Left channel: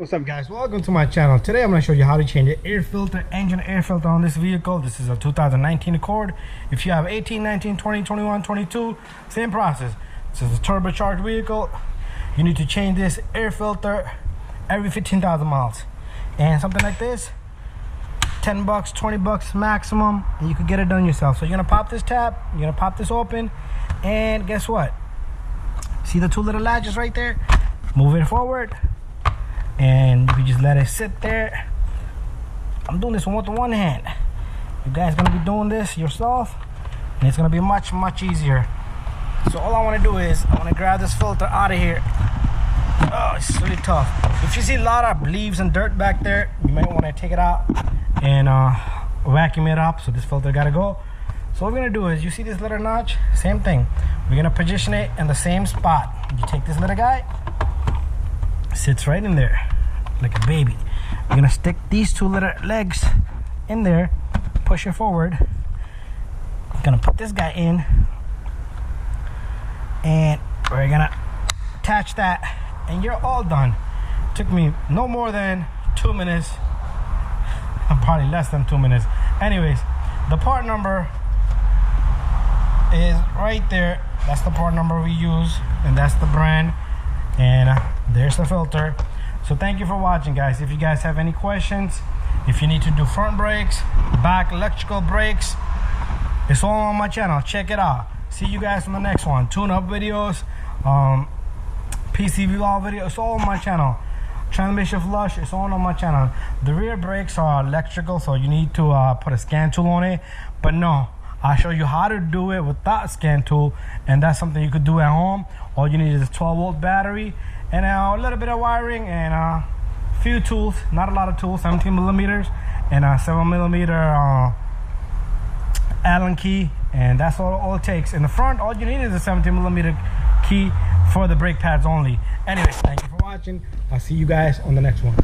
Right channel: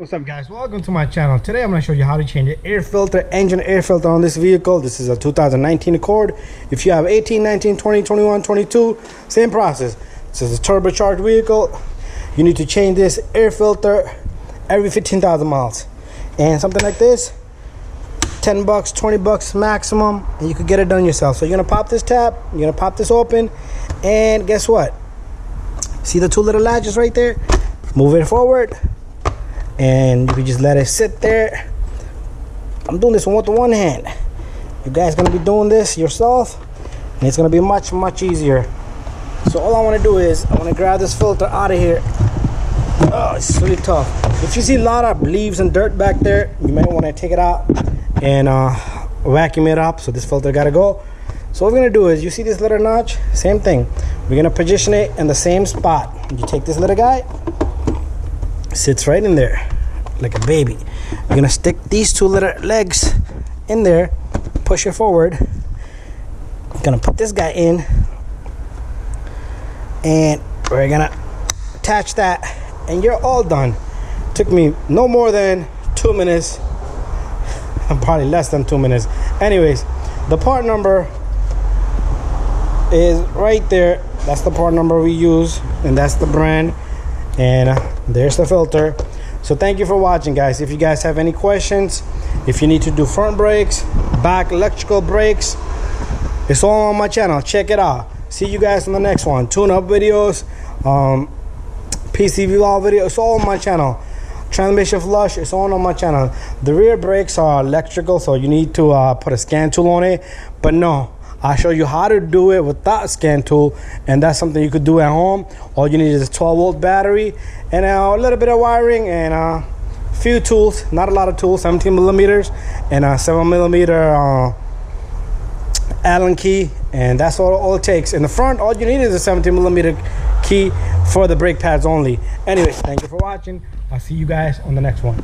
What's up, guys? Welcome to my channel. Today I'm going to show you how to change the air filter, engine air filter on this vehicle. This is a 2019 Accord. If you have 18, 19, 20, 21, 22, same process. This is a turbocharged vehicle. You need to change this air filter every 15,000 miles. And something like this, 10 bucks, 20 bucks maximum, and you could get it done yourself. So you're going to pop this tab, you're going to pop this open, and guess what? See the two little latches right there? Move it forward. And you can just let it sit there. I'm doing this with one hand. You guys gonna be doing this yourself, and it's gonna be much easier. So all I want to do is I want to grab this filter out of here. Oh, it's really tough. If you see a lot of leaves and dirt back there, you might want to take it out and vacuum it up. So this filter gotta go. So what we're gonna do is, you see this little notch? Same thing. We're gonna position it in the same spot. You take this little guy, sits right in there like a baby. You're gonna stick these two little legs in there, push it forward. I'm gonna put this guy in, and we're gonna attach that, and you're all done. Took me no more than 2 minutes. Probably less than 2 minutes. Anyways, the part number is right there. That's the part number we use, and that's the brand. And there's the filter. So thank you for watching, guys. If you guys have any questions, if you need to do front brakes, back electrical brakes, it's all on my channel. Check it out. See you guys on the next one. Tune up videos, PCV law video, it's all on my channel. Transmission flush, it's all on my channel. The rear brakes are electrical, so you need to put a scan tool on it. But no, I'll show you how to do it without a scan tool, and that's something you could do at home. All you need is a 12-volt battery and a little bit of wiring and a few tools, not a lot of tools, 17 millimeters and a 7 millimeter Allen key, and that's all it takes. In the front, all you need is a 17 millimeter key for the brake pads only. Anyways, thank you for watching. I'll see you guys on the next one.